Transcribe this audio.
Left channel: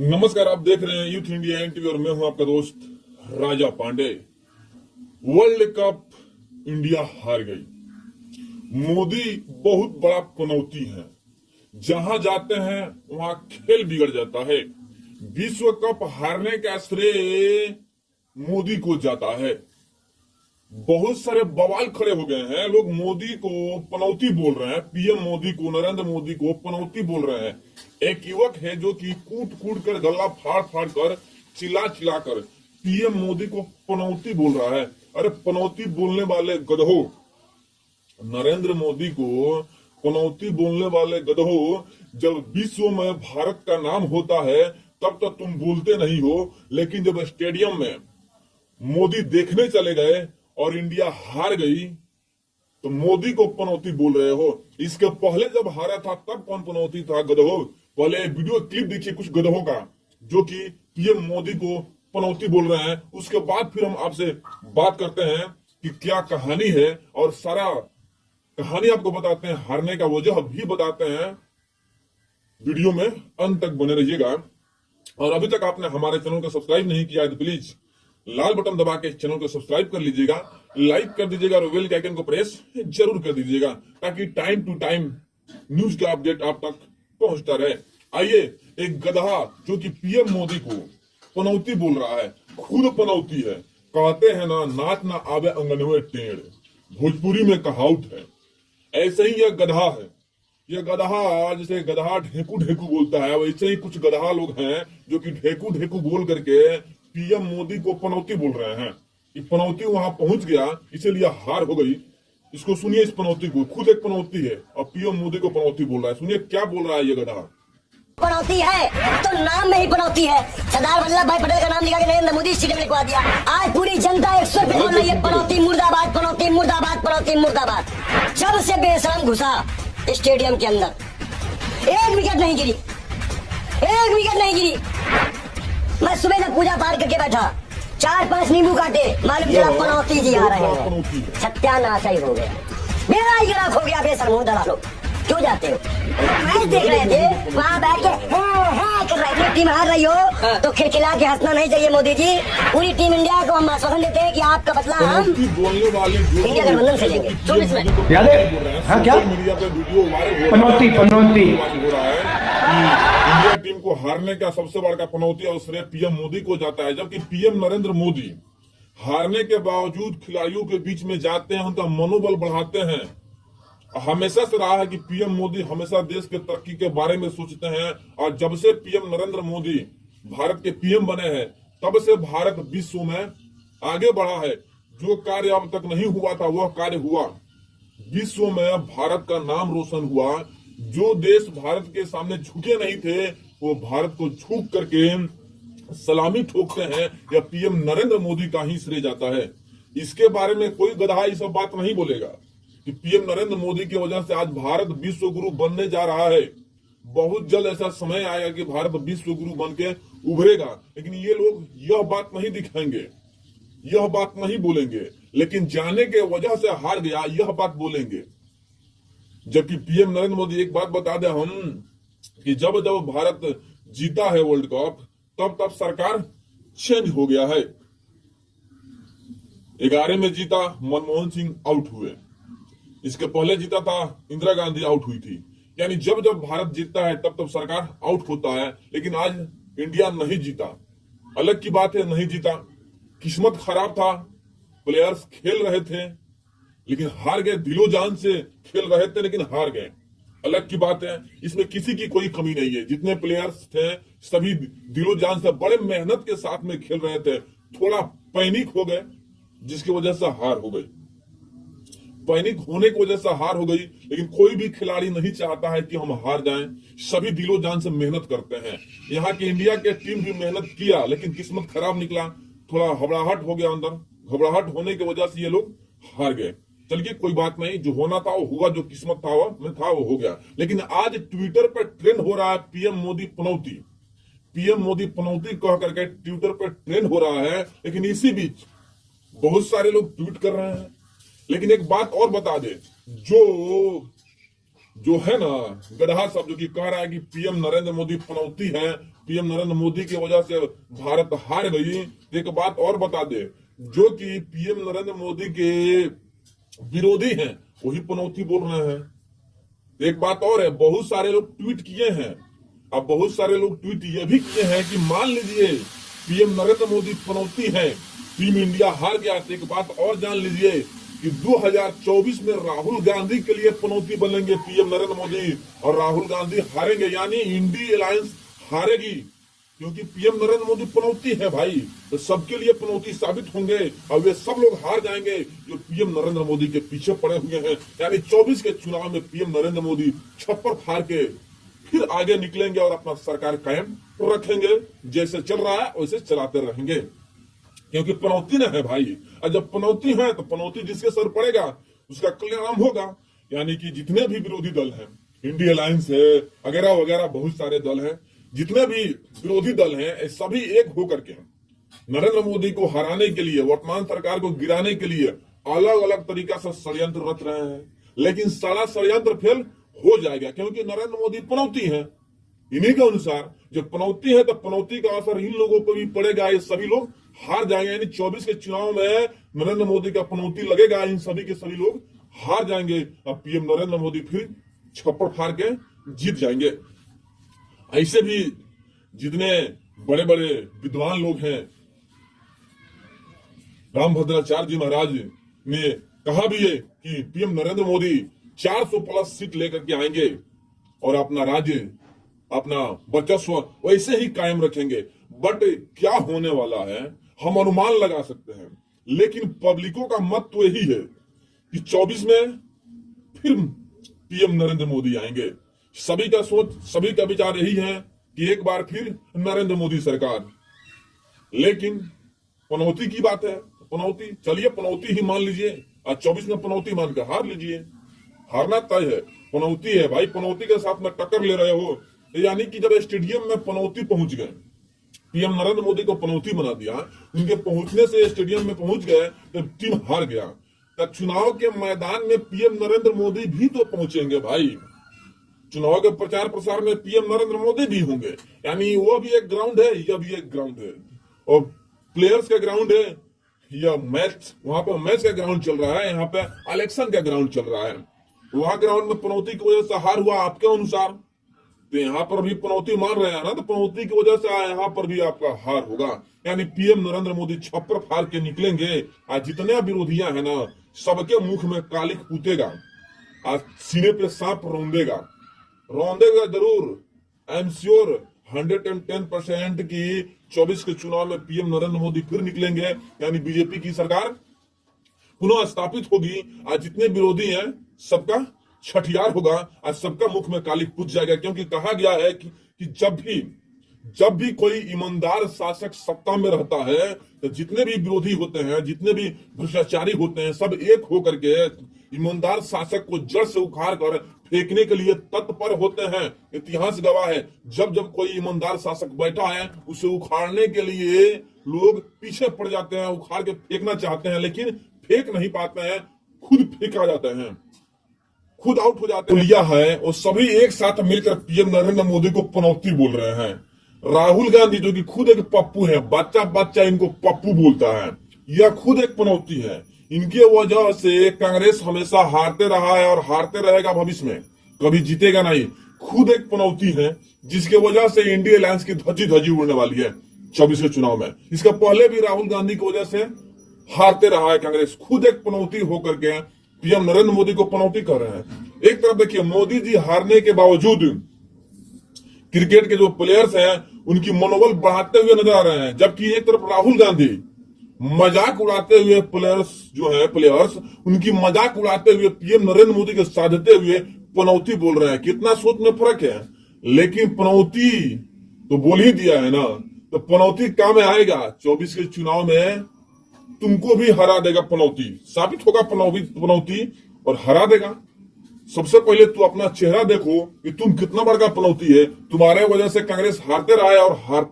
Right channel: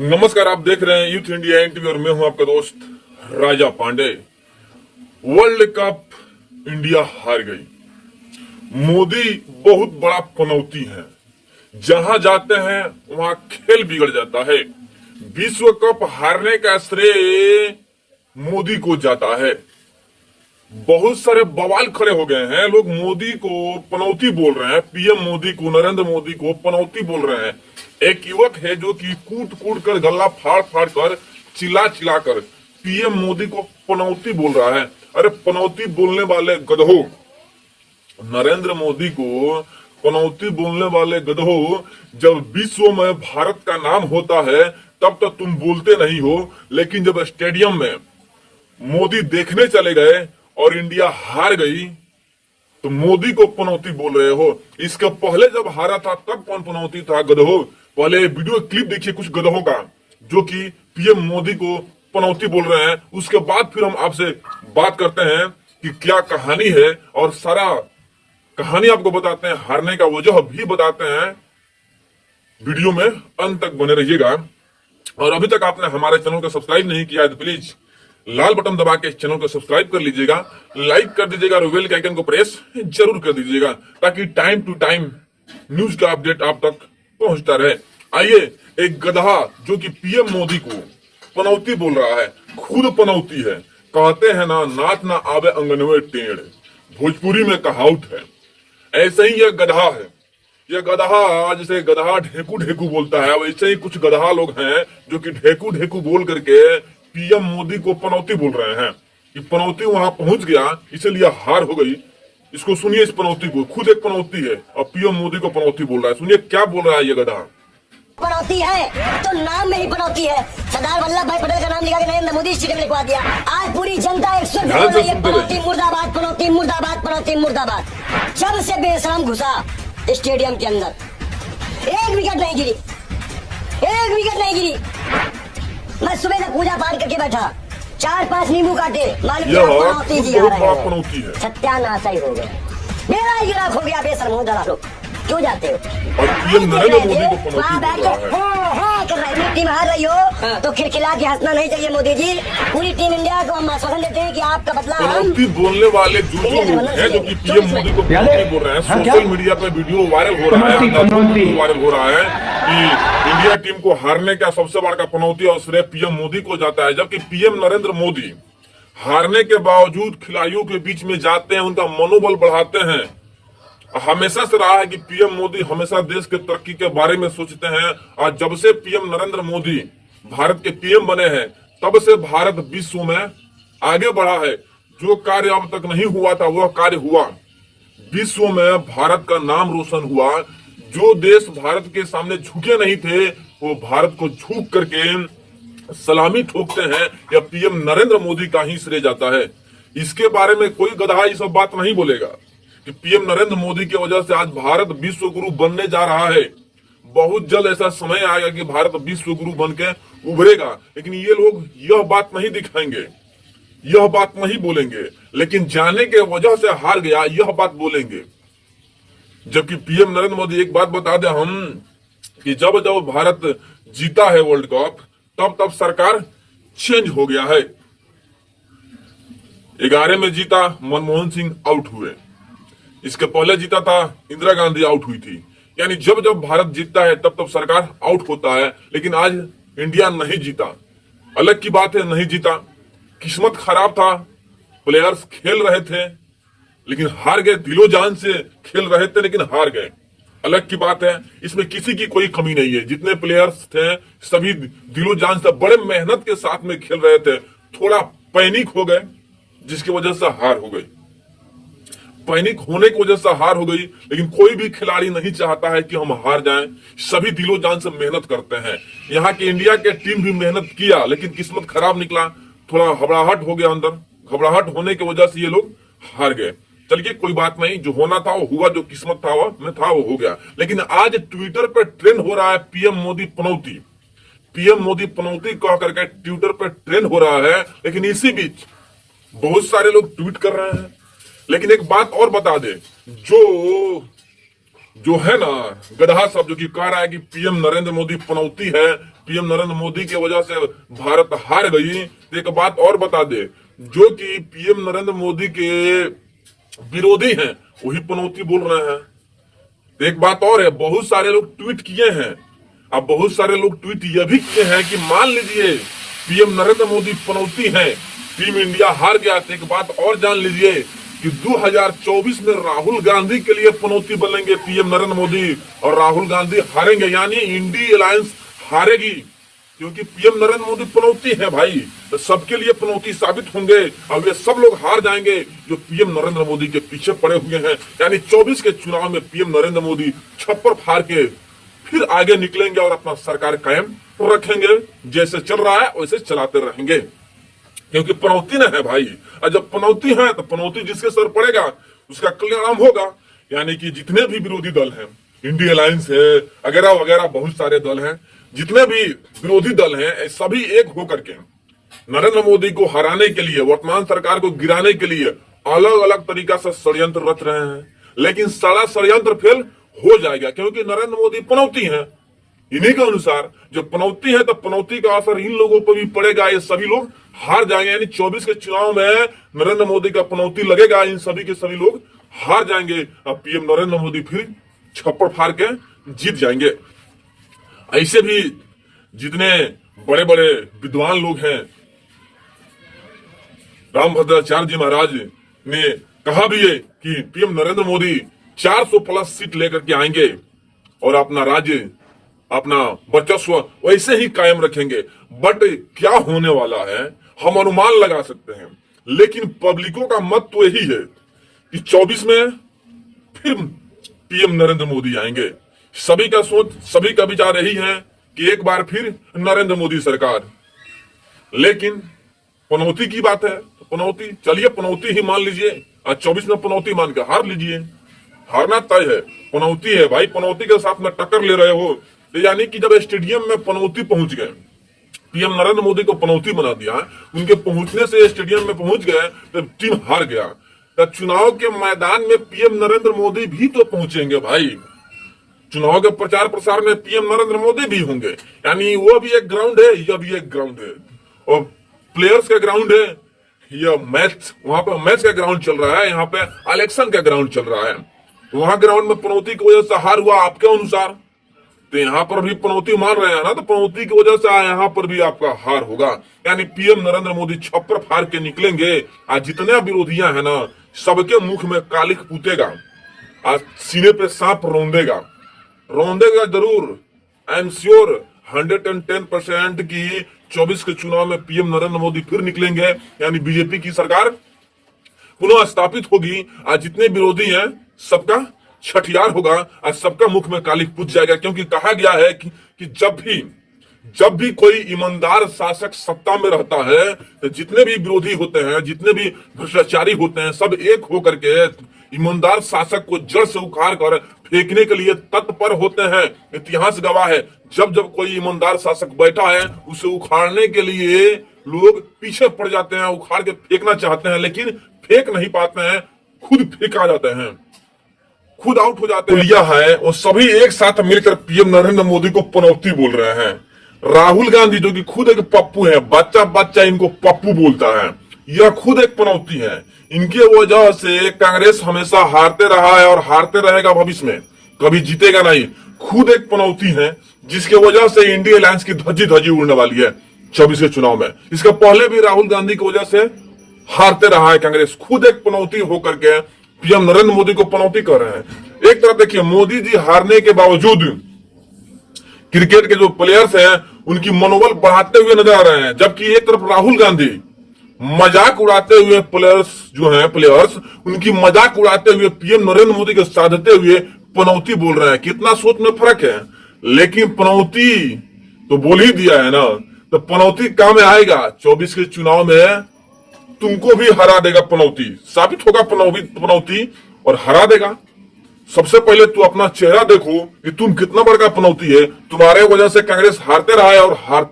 नमस्कार, आप देख रहे हैं यूथ इंडिया एनटीवी और मैं हूं आपका दोस्त राजा पांडे। वर्ल्ड कप इंडिया हार गई। मोदी बहुत बड़ा पनौती है, जहां जाते हैं वहां खेल बिगड़ जाता है। विश्व कप हारने का श्रेय मोदी को जाता है। बहुत सारे बवाल खड़े हो गए हैं, लोग मोदी को पनौती बोल रहे हैं, पीएम मोदी को, नरेंद्र मोदी को पनौती बोल रहे हैं। एक युवक है जो कि कूट कूट कर, गला फाड़ फाड़ कर, चिल्ला चिल्ला कर पीएम मोदी को पनौती बोल रहा है। अरे पनौती बोलने वाले गधों, नरेंद्र मोदी को पनौती बोलने वाले गधों, जब विश्व में भारत का नाम होता है तब तो तुम बोलते नहीं हो, लेकिन जब स्टेडियम में मोदी देखने चले गए और इंडिया हार गई तो मोदी को पनौती बोल रहे हो। इसके पहले जब हारा था तब कौन पनौती था गधों? पहले वीडियो क्लिप देखिए कुछ गधों का जो कि पीएम मोदी को पनौती बोल रहे हैं। उसके बाद फिर हम आपसे बात करते हैं कि क्या कहानी है और सारा कहानी आपको बताते हैं, हारने का वजह भी बताते हैं। वीडियो में अंत तक बने रहिएगा। और अभी तक आपने हमारे चैनल को सब्सक्राइब नहीं किया है तो प्लीज लाल बटन दबा के चैनल को सब्सक्राइब कर लीजिएगा, लाइक कर दीजिएगा और बेल के आइकन को प्रेस जरूर कर दीजिएगा ताकि टाइम टू टाइम न्यूज का अपडेट आप तक पहुंचता रहे। आइए, एक गधा जो कि पीएम मोदी को पनौती बोल रहा है, खुद पनौती है। कहते हैं ना, नाच ना आवे अंगनवे टेढ़, भोजपुरी में कहावत है। ऐसे ही यह गधा है। यह गधा जैसे गधा ढेकू ढेकू बोलता है, वैसे ही कुछ गधा लोग हैं जो कि ढेकू ढेकू बोल करके पीएम मोदी को पनौती बोल रहे हैं कि पनौती वहां पहुंच गया इसलिए हार हो गई। इसको सुनिए, इस पनौती को। खुद एक पनौती है और पीएम मोदी को पनौती बोल रहा है। सुनिए क्या बोल रहा है ये गधा। पनौती है तो नाम में ही पनौती है। सरदार वल्लभ भाई पटेल का नाम लिखा के नरेंद्र मोदी स्टेडियम में लिखवा दिया। आज पूरी जनता एक सुर बोल रही है, पनौती मुर्दाबाद, पनौती मुर्दाबाद, पनौती मुर्दाबाद। जब से बेशरम घुसा स्टेडियम के अंदर, एक विकेट नहीं गिरी, एक विकेट नहीं गिरी। मैं सुबह तक पूजा पाठ करके बैठा, 4-5 नींबू काटे, पनौती जी आ रहे हैं। सत्यानाश ही हो गए, मेरा युवक हो गया बेशरमो दलालो। क्यों जाते हो? वहाँ बैठ के टीम हार रही हो तो खिलखिला के हंसना नहीं चाहिए मोदी जी। पूरी टीम इंडिया को हम आश्वासन देते हैं कि आपका बदला पनौती बोलने वाले जो कि पीएम मोदी को पनौती बोल रहे हैं। सोशल मीडिया पे वीडियो वायरल हो रहा है कि इंडिया टीम को हारने का सबसे बड़ा पनौती और श्रेय पीएम मोदी को जाता है। जबकि पीएम नरेंद्र मोदी हारने के बावजूद खिलाड़ियों के बीच में जाते हैं, उनका मनोबल बढ़ाते हैं। हमेशा से रहा है कि पीएम मोदी हमेशा देश के तरक्की के बारे में सोचते हैं। और जब से पीएम नरेंद्र मोदी भारत के पीएम बने हैं तब से भारत विश्व में आगे बढ़ा है। जो कार्य अब तक नहीं हुआ था वह कार्य हुआ। विश्व में भारत का नाम रोशन हुआ। जो देश भारत के सामने झुके नहीं थे वो भारत को झुक करके सलामी ठोकते हैं, या पीएम नरेंद्र मोदी का ही श्रेय जाता है। इसके बारे में कोई गधा ये सब बात नहीं बोलेगा कि पीएम नरेंद्र मोदी की वजह से आज भारत विश्व गुरु बनने जा रहा है। बहुत जल्द ऐसा समय आएगा कि भारत विश्व गुरु बन के उभरेगा। लेकिन ये लोग यह बात नहीं दिखाएंगे, यह बात नहीं बोलेंगे, लेकिन जाने के वजह से हार गया यह बात बोलेंगे। जबकि पीएम नरेंद्र मोदी, एक बात बता दें हम कि जब जब भारत जीता है वर्ल्ड कप तब तब सरकार चेंज हो गया है। 11 में जीता, मनमोहन सिंह आउट हुए। इसके पहले जीता था, इंदिरा गांधी आउट हुई थी। यानी जब जब भारत जीतता है तब तब सरकार आउट होता है। लेकिन आज इंडिया नहीं जीता, अलग की बात है, नहीं जीता। किस्मत खराब था, प्लेयर्स खेल रहे थे लेकिन हार गए, दिलो जान से खेल रहे थे लेकिन हार गए, अलग की बात है। इसमें किसी की कोई कमी नहीं है। जितने प्लेयर्स थे सभी दिलो जान से बड़े मेहनत के साथ में खेल रहे थे। थोड़ा पैनिक हो गए जिसकी वजह से हार हो गई। पैनिक होने की वजह से हार हो गई, लेकिन कोई भी खिलाड़ी नहीं चाहता है कि हम हार जाएं। सभी दिलो जान से मेहनत करते हैं। यहाँ की इंडिया के टीम भी मेहनत किया लेकिन किस्मत खराब निकला। थोड़ा घबराहट हो गया अंदर, घबराहट होने की वजह से ये लोग हार गए। चलिए कोई बात नहीं, जो होना था वो हुआ, जो किस्मत था वो में था वो हो गया। लेकिन आज ट्विटर पर ट्रेंड हो रहा है पीएम मोदी पनौती। पीएम मोदी पनौती कह करके ट्विटर पर ट्रेंड हो रहा है। लेकिन इसी बीच बहुत सारे लोग ट्वीट कर रहे हैं। लेकिन एक बात और बता दे, जो है ना गधा सब जो कि कह रहा है कि पीएम नरेंद्र मोदी पनौती है, पीएम नरेंद्र मोदी की वजह से भारत हार गई। एक बात और बता दे, जो कि पीएम नरेंद्र मोदी के विरोधी हैं वही पनौती बोल रहे हैं। एक बात और है, बहुत सारे लोग ट्वीट किए हैं, अब बहुत सारे लोग ट्वीट यह भी किए हैं कि मान लीजिए पीएम नरेंद्र मोदी पनौती है, टीम इंडिया हार गया। तो एक बात और जान लीजिए कि 2024 में राहुल गांधी के लिए पनौती बनेंगे पीएम नरेंद्र मोदी, और राहुल गांधी हारेंगे, यानी इंडी अलायंस हारेगी, क्योंकि पीएम नरेंद्र मोदी पनौती है भाई। तो सबके लिए पनौती साबित होंगे और वे सब लोग हार जाएंगे जो पीएम नरेंद्र मोदी के पीछे पड़े हुए हैं। यानी 24 के चुनाव में पीएम नरेंद्र मोदी छप्पर फाड़ के फिर आगे निकलेंगे और अपना सरकार कायम रखेंगे। जैसे चल रहा है वैसे चलाते रहेंगे, क्योंकि पनौती न है भाई। और जब पनौती है तो पनौती जिसके सर पड़ेगा उसका कल्याण होगा। यानी कि जितने भी विरोधी दल हैं, इंडिया अलायंस है वगैरह वगैरह, बहुत सारे दल हैं, जितने भी विरोधी दल हैं, सभी एक होकर के नरेंद्र मोदी को हराने के लिए, वर्तमान सरकार को गिराने के लिए अलग अलग तरीका से षड्यंत्र रच रहे हैं। लेकिन सारा षड्यंत्र फेल हो जाएगा, क्योंकि नरेंद्र मोदी पनौती है। इन्हीं के अनुसार जब पनौती है तो पनौती का असर इन लोगों पर भी पड़ेगा, ये सभी लोग हार जाएंगे। यानी 24 के चुनाव में नरेंद्र मोदी का पनौती लगेगा, इन सभी के सभी लोग हार जाएंगे। अब पीएम नरेंद्र मोदी फिर छप्पर फाड़ के जीत जाएंगे। ऐसे भी जितने बड़े बड़े विद्वान लोग हैं, रामभद्राचार्य जी महाराज ने कहा भी है कि PM Narendra Modi 400 plus seat लेकर के आएंगे और अपना राज्य, अपना वर्चस्व वैसे ही कायम रखेंगे। बट क्या होने वाला है हम अनुमान लगा सकते हैं, लेकिन पब्लिकों का मत तो यही है कि 24 में फिर पीएम नरेंद्र मोदी आएंगे। सभी का सोच, सभी का विचार यही है कि एक बार फिर नरेंद्र मोदी सरकार। लेकिन पनौती की बात है तो पनौती, चलिए पनौती ही मान लीजिए, आज 24 में पनौती मान के हार लीजिए। हारना तय है, पनौती है भाई, पनौती के साथ में टक्कर ले रहे हो। तो यानी कि जब स्टेडियम में पनौती पहुंच गए, पीएम नरेंद्र मोदी को पनौती बना दिया, उनके पहुंचने से स्टेडियम में पहुंच गए तो टीम हार गया। तो चुनाव के मैदान में पीएम नरेंद्र मोदी भी तो पहुंचेंगे भाई, चुनाव के प्रचार प्रसार में पीएम नरेंद्र मोदी भी होंगे। यानी वो भी एक ग्राउंड है, यह भी एक ग्राउंड है, और प्लेयर्स का ग्राउंड है। यह मैच, वहां पर मैच का ग्राउंड चल रहा है, यहाँ पे इलेक्शन का ग्राउंड चल रहा है। वहां ग्राउंड में पनौती की वजह से हार हुआ आपके अनुसार, तो यहाँ पर भी पनौती मान रहे हैं ना, तो पनौती की वजह से यहाँ पर भी आपका हार होगा। यानी पीएम नरेंद्र मोदी छप्पर फाड़ के निकलेंगे। आज जितने विरोधियां हैं ना, सबके मुख में कालिक पूतेगा, आज सीने पे सांप रौंदेगा जरूर। आई एम श्योर 110% की 24 के चुनाव में पीएम नरेंद्र मोदी फिर निकलेंगे। यानी बीजेपी की सरकार पुनः स्थापित होगी। आज जितने विरोधी हैं सबका छठियार होगा, आज सबका मुख में कालिक पूत जाएगा। क्योंकि कहा गया है कि जब भी कोई ईमानदार शासक सत्ता में रहता है तो जितने भी विरोधी होते हैं, जितने भी भ्रष्टाचारी होते हैं, सब एक होकर के ईमानदार शासक को जड़ से उखाड़ कर फेंकने के लिए तत्पर होते हैं। इतिहास गवाह है, जब जब कोई ईमानदार शासक बैठा है उसे उखाड़ने के लिए लोग पीछे पड़ जाते हैं, उखाड़ के फेंकना चाहते हैं, लेकिन फेंक नहीं पाते हैं, खुद फेंका जाते हैं, खुद आउट हो जाते हैं। लिया है और सभी एक साथ मिलकर पीएम नरेंद्र मोदी को पनौती बोल रहे हैं। राहुल गांधी जो कि खुद एक पप्पू है, बच्चा इनको पप्पू बोलता है, यह खुद एक पनौती है। इनके वजह से कांग्रेस हमेशा हारते रहा है और हारते रहेगा, भविष्य में कभी जीतेगा नहीं। खुद एक पनौती है जिसके वजह से इंडिया अलायंस की धज्जी उड़ने वाली है 24 के चुनाव में। इसका पहले भी राहुल गांधी की वजह से हारते रहा है कांग्रेस। खुद एक पनौती होकर के पीएम नरेंद्र मोदी को पनौती कर रहे हैं। एक तरफ देखिए, मोदी जी हारने के बावजूद क्रिकेट के जो प्लेयर्स हैं उनकी मनोबल बढ़ाते हुए नजर आ रहे हैं, जबकि एक तरफ राहुल गांधी मजाक उड़ाते हुए प्लेयर्स उनकी मजाक उड़ाते हुए पीएम नरेंद्र मोदी को साधते हुए पनौती बोल रहे हैं। कितना सोच में फर्क है। लेकिन पनौती तो बोल ही दिया है ना, तो पनौती काम में आएगा। 24 के चुनाव में तुमको भी हरा देगा पनौती, साबित होगा पनौती और हरा देगा। सबसे पहले तू अपना चेहरा देखो कि तुम कितना बड़ा पनौती है। तुम्हारे वजह से कांग्रेस हारते रहा है और हारते